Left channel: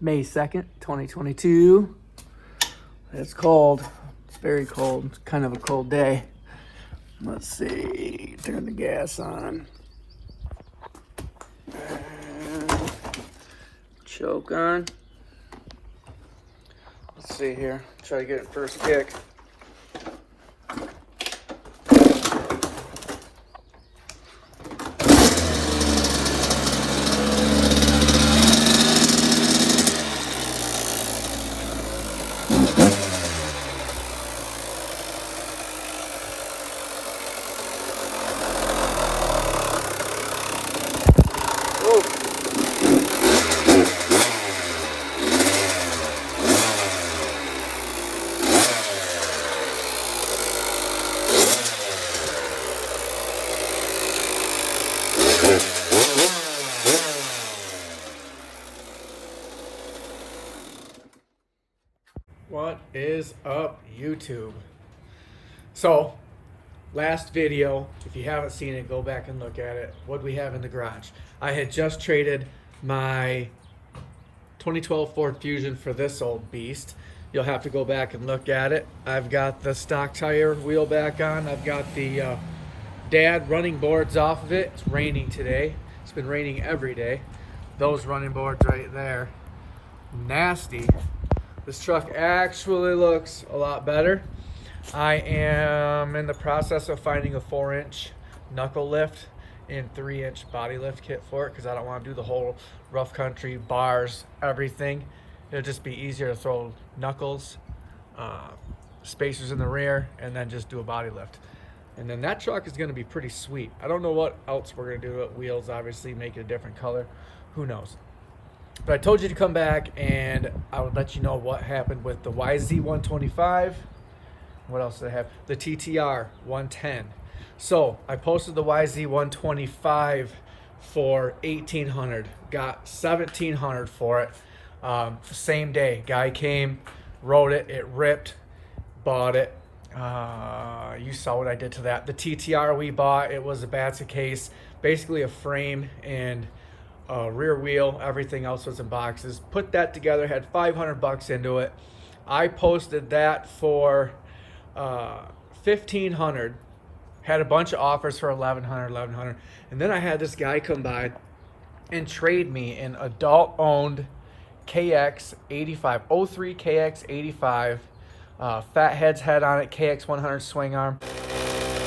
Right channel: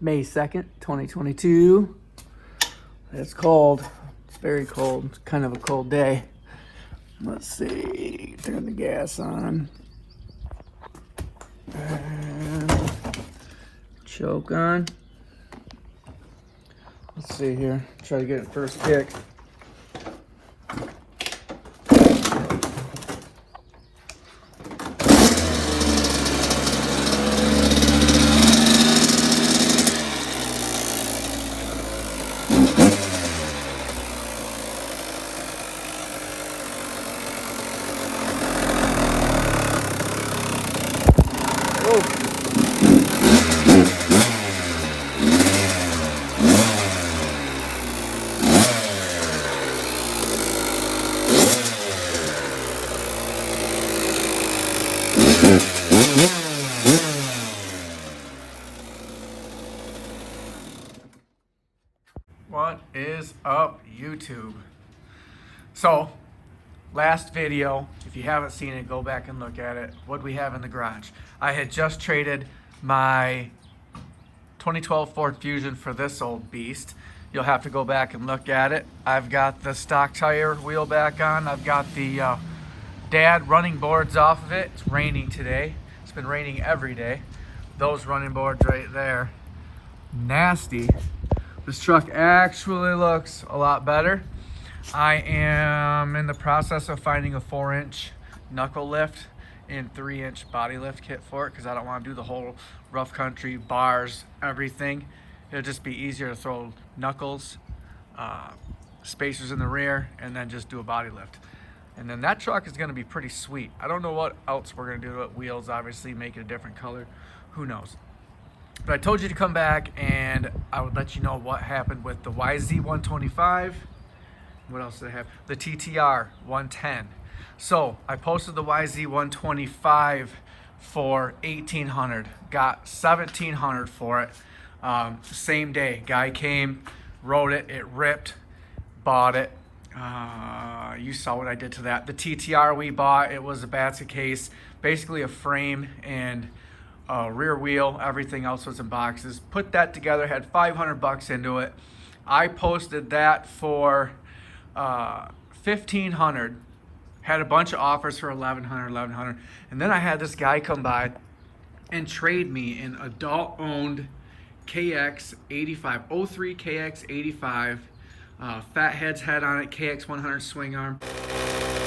May 2nd, 2022. It's cold. It's very cold. It's kind of a cold day. Let's see. Turn the gas on. Choke on. Let's see here. Try to get it first kick. What is up, YouTube? So, last video, if you haven't seen it, go back and look at it. What we have in the garage. I had just traded my 2012 Ford Fusion for this old beast. You'll have to go back and look at it. I've got the stock tire wheel back on. I've got the dad running boards off of it. It's raining today. It's been raining every day. Those running boards right there, nasty. This truck actually looks a lot better. I am in the process of finding a 4-inch knuckle lift and 3-inch body lift kit for it because I don't want to do the whole rough country, bars, everything. It'll just be easier to throw knuckles, spacers in the rear, and then just do a body lift. And then that truck is going to be pretty sweet. I don't know what else we're going to do to it. Wheels, obviously, make it a different color. Who knows? But I told you to come back and I would let you know what happened with the YZ125. What else did I have? The TTR 110. So I posted the YZ125 for $1,800. Got $1,700 for it. Same day. Guy came, rode it, it ripped, bought it. You saw what I did to that. The TTR we bought, it was a basket case, basically a frame and rear wheel. Everything else was in boxes. Put that together, had $500 into it. I posted that for $1,500. Had a bunch of offers for $1,100, and then I had this guy come by and trade me an adult-owned KX85, 03 KX85, fat head's head on it, KX100 swing arm.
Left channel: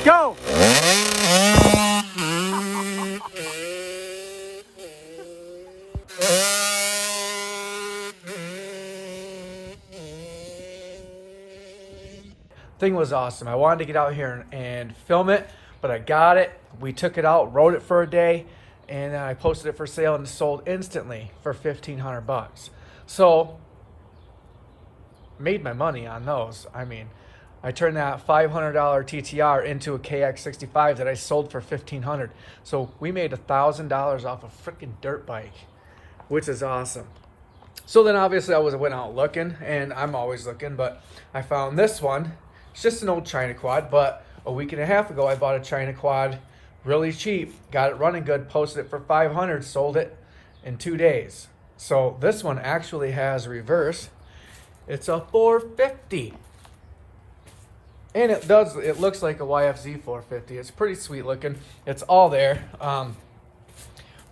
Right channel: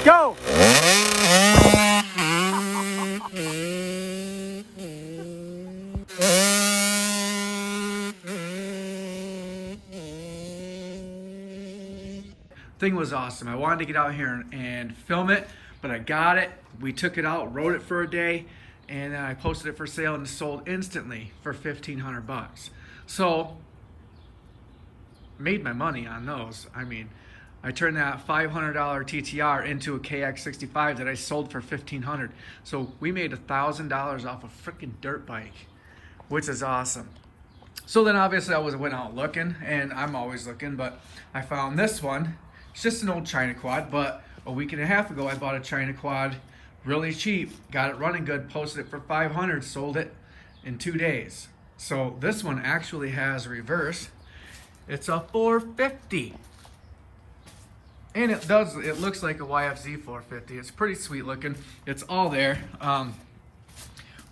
Go! Thing was awesome. I wanted to get out here and film it, but I got it. We took it out, rode it for a day, and then I posted it for sale and sold instantly for $1,500. So, made my money on those. I mean, I turned that $500 TTR into a KX65 that I sold for $1,500. So we made $1,000 off a freaking dirt bike, which is awesome. So then obviously I went out looking, and I'm always looking, but I found this one. It's just an old China quad, but a week and a half ago I bought a China quad really cheap, got it running good, posted it for $500, sold it in 2 days. So this one actually has reverse. It's a 450. And it looks like a YFZ 450. It's pretty sweet looking. It's all there.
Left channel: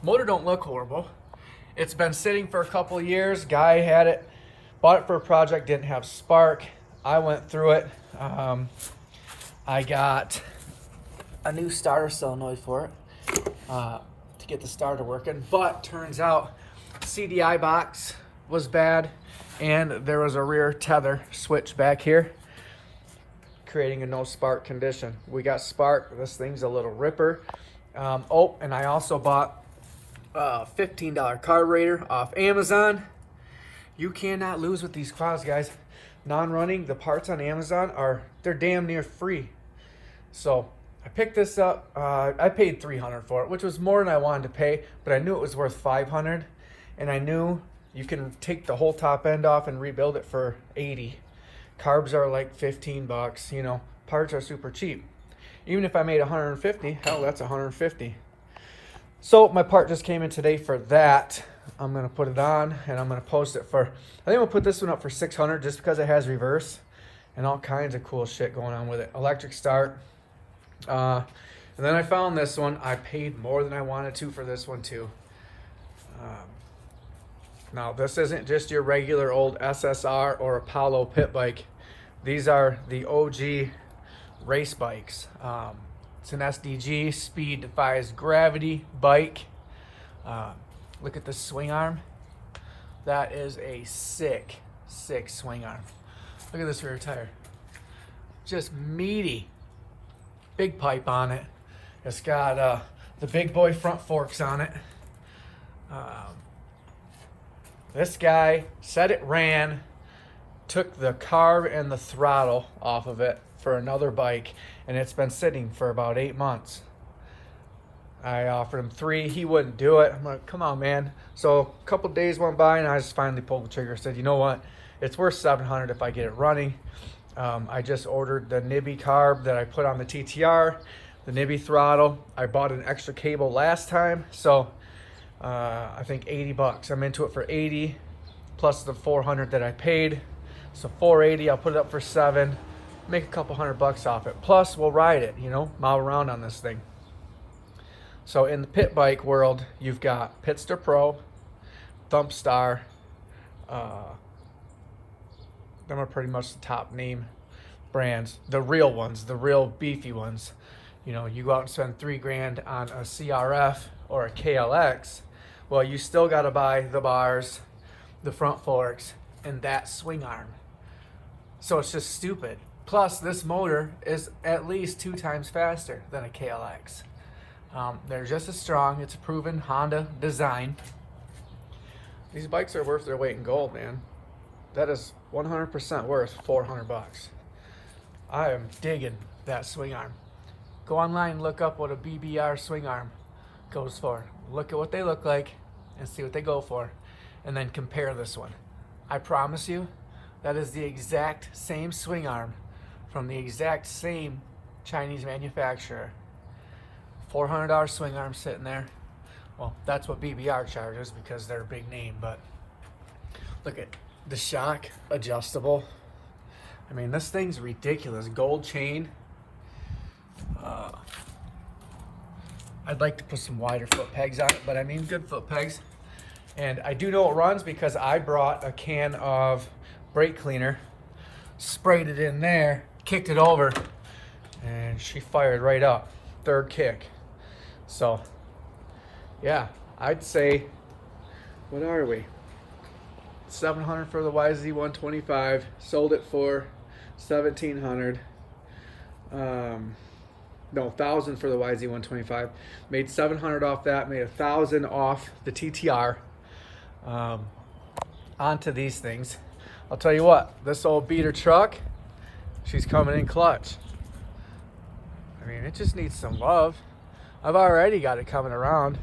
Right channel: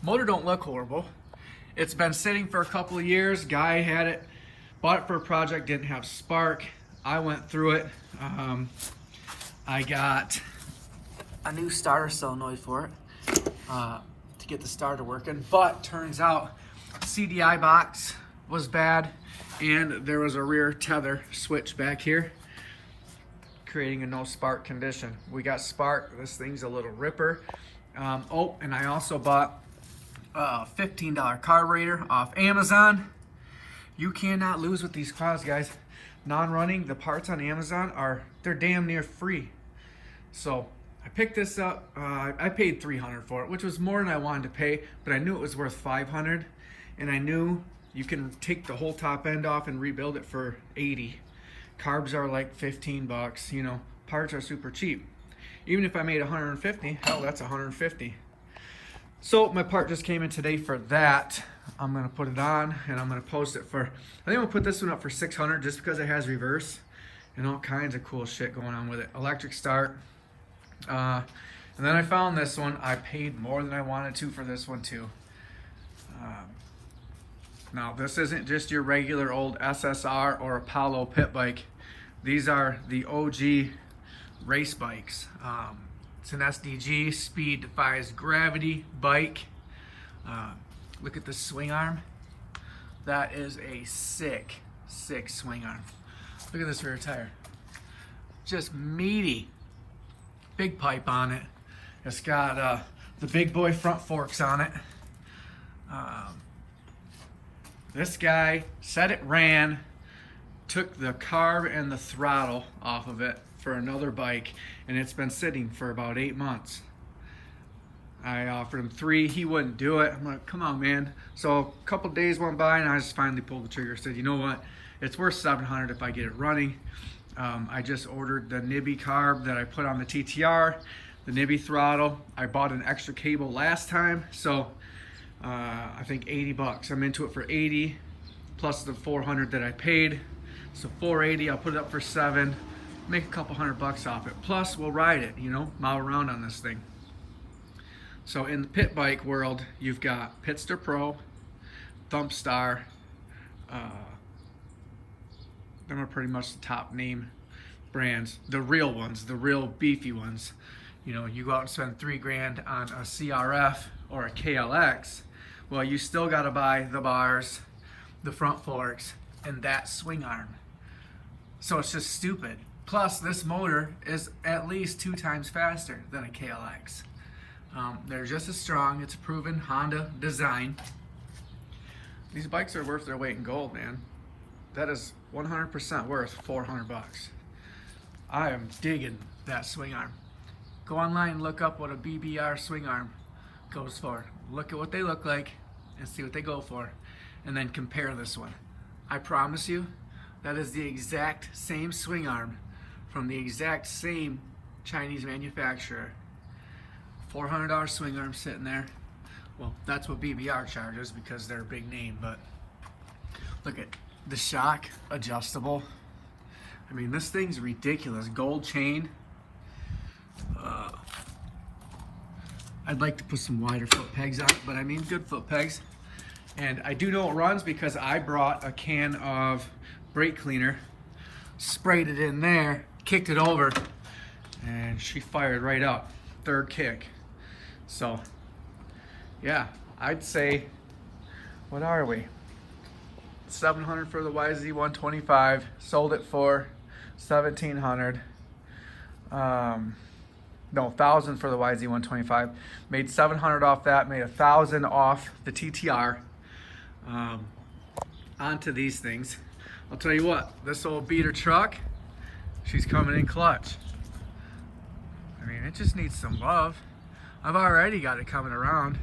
Motor don't look horrible. It's been sitting for a couple of years. Guy had it, bought it for a project, didn't have spark. I went through it. I got a new starter solenoid for it to get the starter working, but turns out CDI box was bad and there was a rear tether switch back here, creating a no spark condition. We got spark. This thing's a little ripper. Oh, and I also bought a $15 carburetor off Amazon. You cannot lose with these quads, guys. Non-running, the parts on Amazon they're damn near free. So I picked this up. I paid $300 for it, which was more than I wanted to pay, but I knew it was worth $500, and I knew you can take the whole top end off and rebuild it for $80. Carbs are like $15, you know, parts are super cheap. Even if I made $150, hell, that's $150. So my part just came in today for that. I'm gonna put it on and I'm gonna post it for, I think I'm gonna put this one up for 600 just because it has reverse and all kinds of cool shit going on with it. Electric start. And then I found this one. I paid more than I wanted to for this one too. Now this isn't just your regular old SSR or Apollo pit bike. These are the OG race bikes. It's an SDG, speed defies gravity bike. Look at the swing arm. That is a sick swing arm. Look at this rear tire. Just meaty. Big pipe on it. It's got the big boy front forks on it. This guy said it ran, took the carb and the throttle off of it for another bike, and it's been sitting for about 8 months. I offered him 3, he wouldn't do it. I'm like, come on, man. So a couple days went by and I just finally pulled the trigger. Said, you know what? It's worth 700 if I get it running. I just ordered the Nibby carb that I put on the TTR, the Nibby throttle. I bought an extra cable last time, so I think 80 bucks. I'm into it for 80 plus the 400 that I paid. So 480, I'll put it up for 7, make a couple $100 off it. Plus we'll ride it, you know, mile around on this thing. So in the pit bike world, you've got Pitster Pro, Thumpstar. Them are pretty much the top name brands, the real ones, the real beefy ones. You know, you go out and spend $3 grand on a CRF or a KLX, well, you still got to buy the bars, the front forks, and that swing arm. So it's just stupid. Plus, this motor is at least 2 times faster than a KLX. They're just as strong. It's a proven Honda design. These bikes are worth their weight in gold, man. That is 100% worth 400 bucks. I am digging that swing arm. Go online and look up what a BBR swing arm goes for. Look at what they look like and see what they go for, and then compare this one. I promise you, that is the exact same swing arm from the exact same Chinese manufacturer. $400 swing arm sitting there. Well, that's what BBR charges because they're a big name, but look at the shock adjustable. I mean, this thing's ridiculous. Gold chain. I'd like to put some wider foot pegs on it, but I mean good foot pegs. And I do know it runs because I brought a can of brake cleaner, sprayed it in there, kicked it over, and she fired right up. 3rd kick. So, yeah, I'd say, what are we? 700 for the YZ125. Sold it for 1,700. No, 1,000 for the YZ125. Made 700 off that. Made 1,000 off the TTR. Onto these things. I'll tell you what. This old beater truck, she's coming in clutch. I mean, it just needs some love. I've already got it coming around.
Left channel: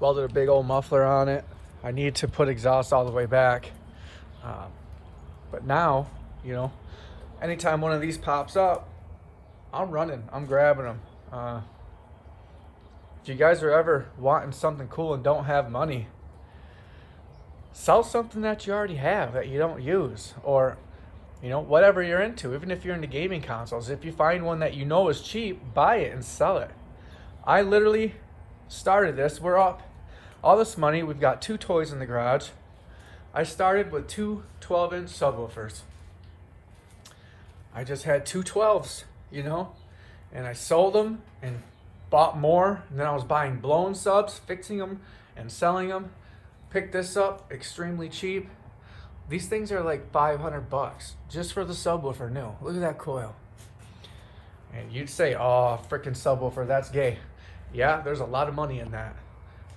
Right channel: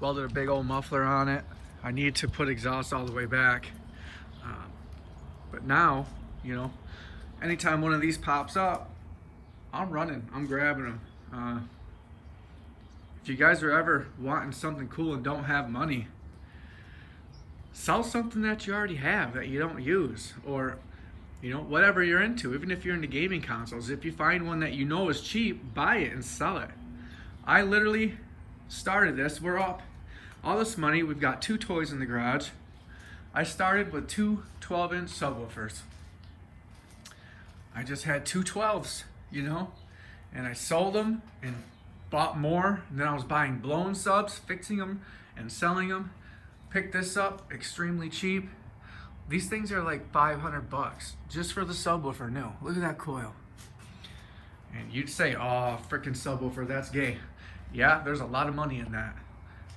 Welded a big old muffler on it. I need to put exhaust all the way back. But now, you know, anytime one of these pops up, I'm running, I'm grabbing them. If you guys are ever wanting something cool and don't have money, sell something that you already have that you don't use, or you know, whatever you're into. Even if you're into gaming consoles, if you find one that you know is cheap, buy it and sell it. I literally started this. We're up all this money. We've got 2 toys in the garage. I started with 2 12-inch subwoofers. I just had 2 12s, you know, and I sold them and bought more. And then I was buying blown subs, fixing them and selling them. Picked this up extremely cheap. These things are like 500 bucks just for the subwoofer new. Look at that coil. And you'd say, oh, freaking subwoofer, that's gay. Yeah, there's a lot of money in that.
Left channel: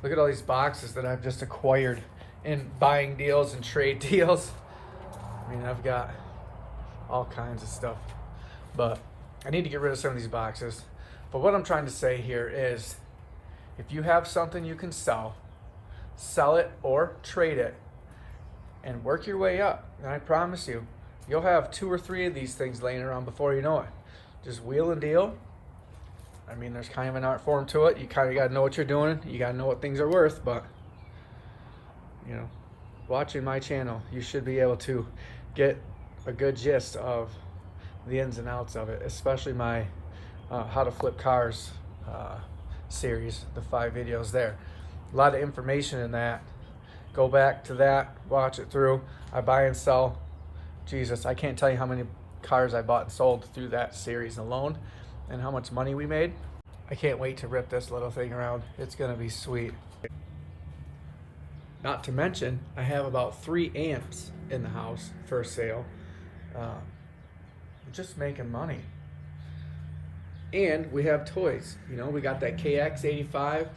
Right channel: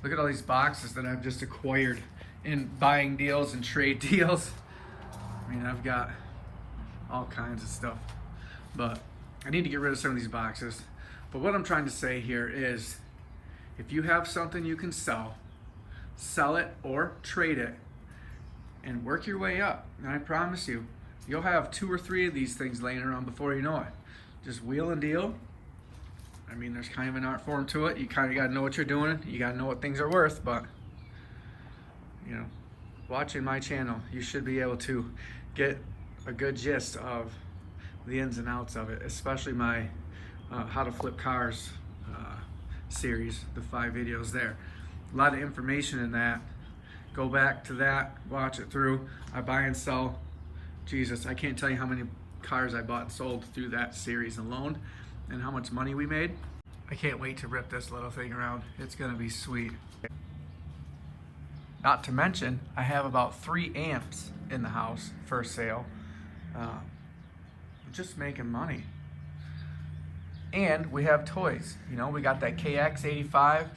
Look at all these boxes that I've just acquired in buying deals and trade deals. I mean, I've got all kinds of stuff, but I need to get rid of some of these boxes. But what I'm trying to say here is, if you have something you can sell, sell it or trade it and work your way up. And I promise you, you'll have 2 or 3 of these things laying around before you know it. Just wheel and deal. I mean, there's kind of an art form to it. You kind of got to know what you're doing. You got to know what things are worth, but you know, watching my channel, you should be able to get a good gist of the ins and outs of it, especially my how to flip cars series, the 5 videos there. A lot of information in that. Go back to that, watch it through. I buy and sell. Jesus, I can't tell you how many cars I bought and sold through that series alone and how much money we made. I can't wait to rip this little thing around. It's gonna be sweet. Not to mention, I have about 3 amps in the house for sale. Just making money. And we have toys. You know, we got that KX85.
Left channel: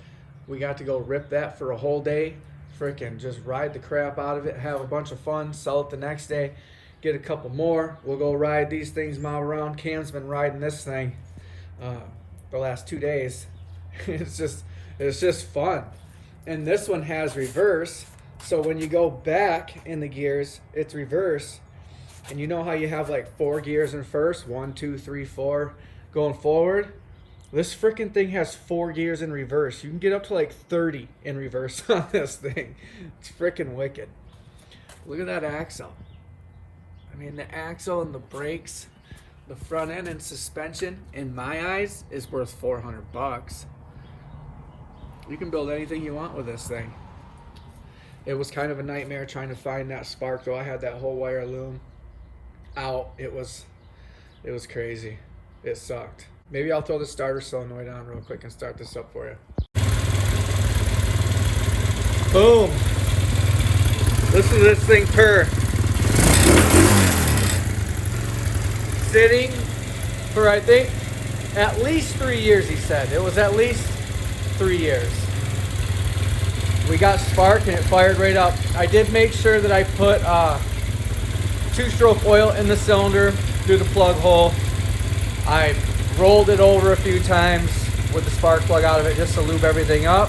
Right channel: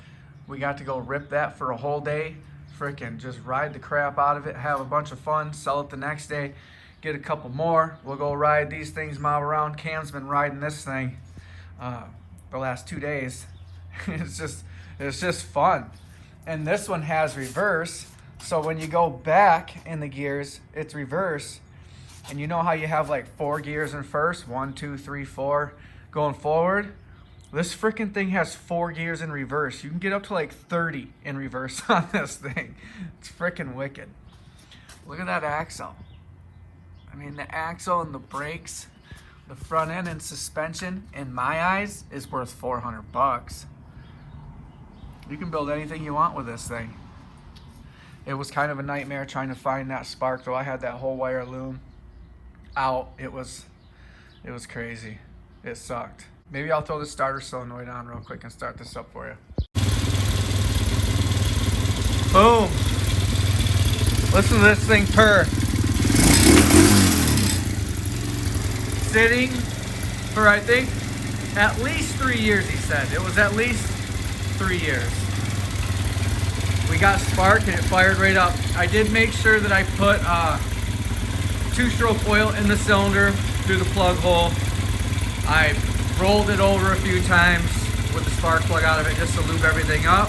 We got to go rip that for a whole day. Frickin' just ride the crap out of it, have a bunch of fun, sell it the next day, get a couple more. We'll go ride these things, mob around. Cam's been riding this thing the last 2 days. It's just fun. And this one has reverse, so when you go back in the gears, it's reverse. And you know how you have like 4 gears in first, 1, 2, 3, 4 going forward? This freaking thing has 4 gears in reverse. You can get up to like 30 in reverse on this thing. It's freaking wicked. Look at that axle. I mean, the axle and the brakes, the front end and suspension, in my eyes, is worth 400 bucks. You can build anything you want with this thing. It was kind of a nightmare trying to find that spark, though. I had that whole wire loom out. It was crazy. It sucked. Maybe I'll throw the starter solenoid on real quick and start this up for you. Boom. Listen to this thing purr. Sitting for, I think, at least 3 years, he said. It was at least 3 years. We got spark and it fired right up. I did make sure that I put 2-stroke oil in the cylinder through the plug hole. I rolled it over a few times with the spark plug out of it just to lube everything up.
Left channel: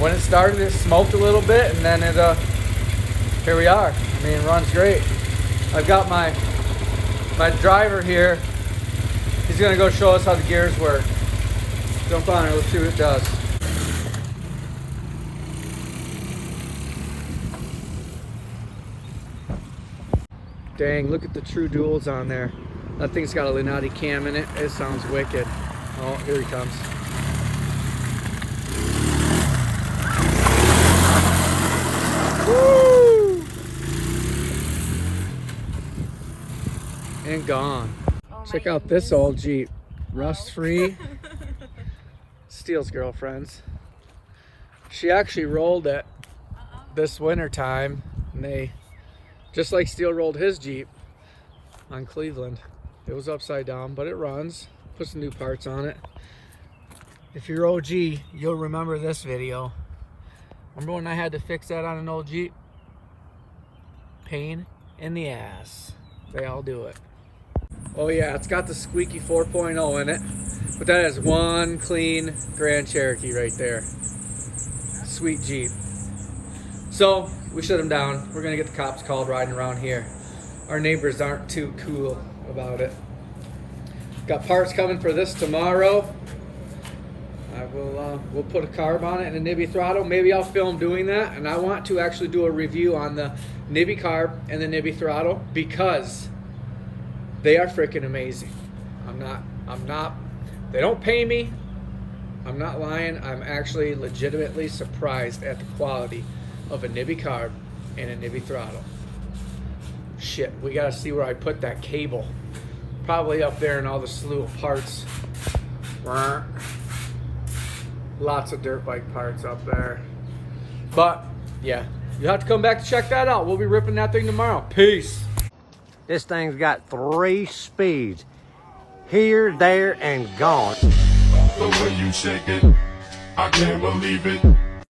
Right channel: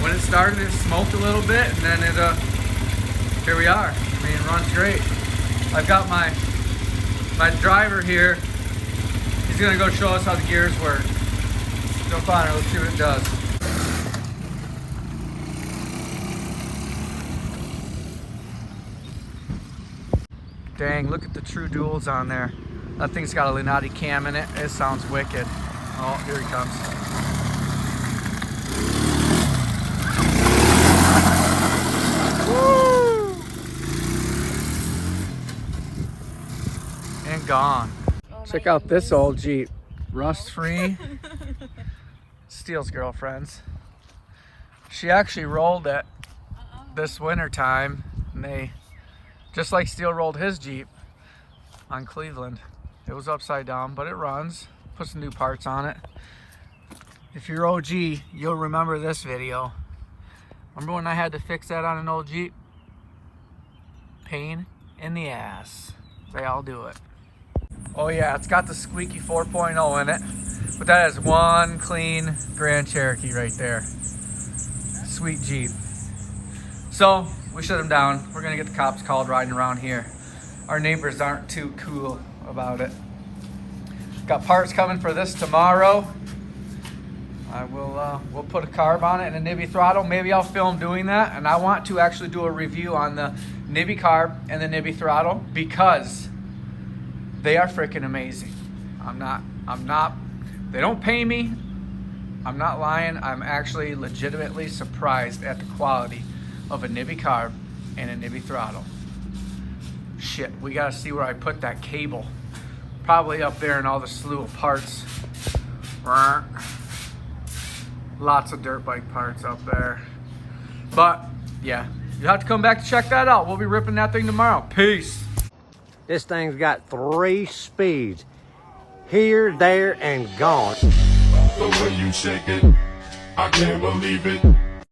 When it started, it smoked a little bit, and then here we are. I mean, it runs great. I've got my driver here. He's gonna go show us how the gears work. Jump on it, let's see what it does. Dang, look at the true duals on there. That thing's got a Lunati cam in it. It sounds wicked. Oh, here he comes. Woo! And gone. Oh, check out this old Jeep. Rust-free. Steele's girlfriend's. She actually rolled it this winter time, and they, just like Steele rolled his Jeep on Cleveland. It was upside down, but it runs. Put some new parts on it. If you're OG, you'll remember this video. Remember when I had to fix that on an old Jeep? Pain in the ass. They all do it. Oh yeah, it's got the squeaky 4.0 in it, but that has one clean Grand Cherokee right there. Sweet Jeep. So we shut him down. We're gonna get the cops called riding around here. Our neighbors aren't too cool about it. Got parts coming for this tomorrow. We'll put a carb on it and a Nibby throttle. Maybe I'll film doing that, and I want to actually do a review on the Nibby carb and the Nibby throttle because they are freaking amazing. They don't pay me. I'm not lying. I'm actually legitimately surprised at the quality of a Nibby carb and a Nibby throttle. Shit, we gotta see where I put that cable. Probably up there in all the slew of parts. Lots of dirt bike parts up there. But yeah, you have to come back to check that out. We'll be ripping that thing tomorrow. Peace. This thing's got 3 speeds. Here, there, and gone. The way you shake it, I can't believe it.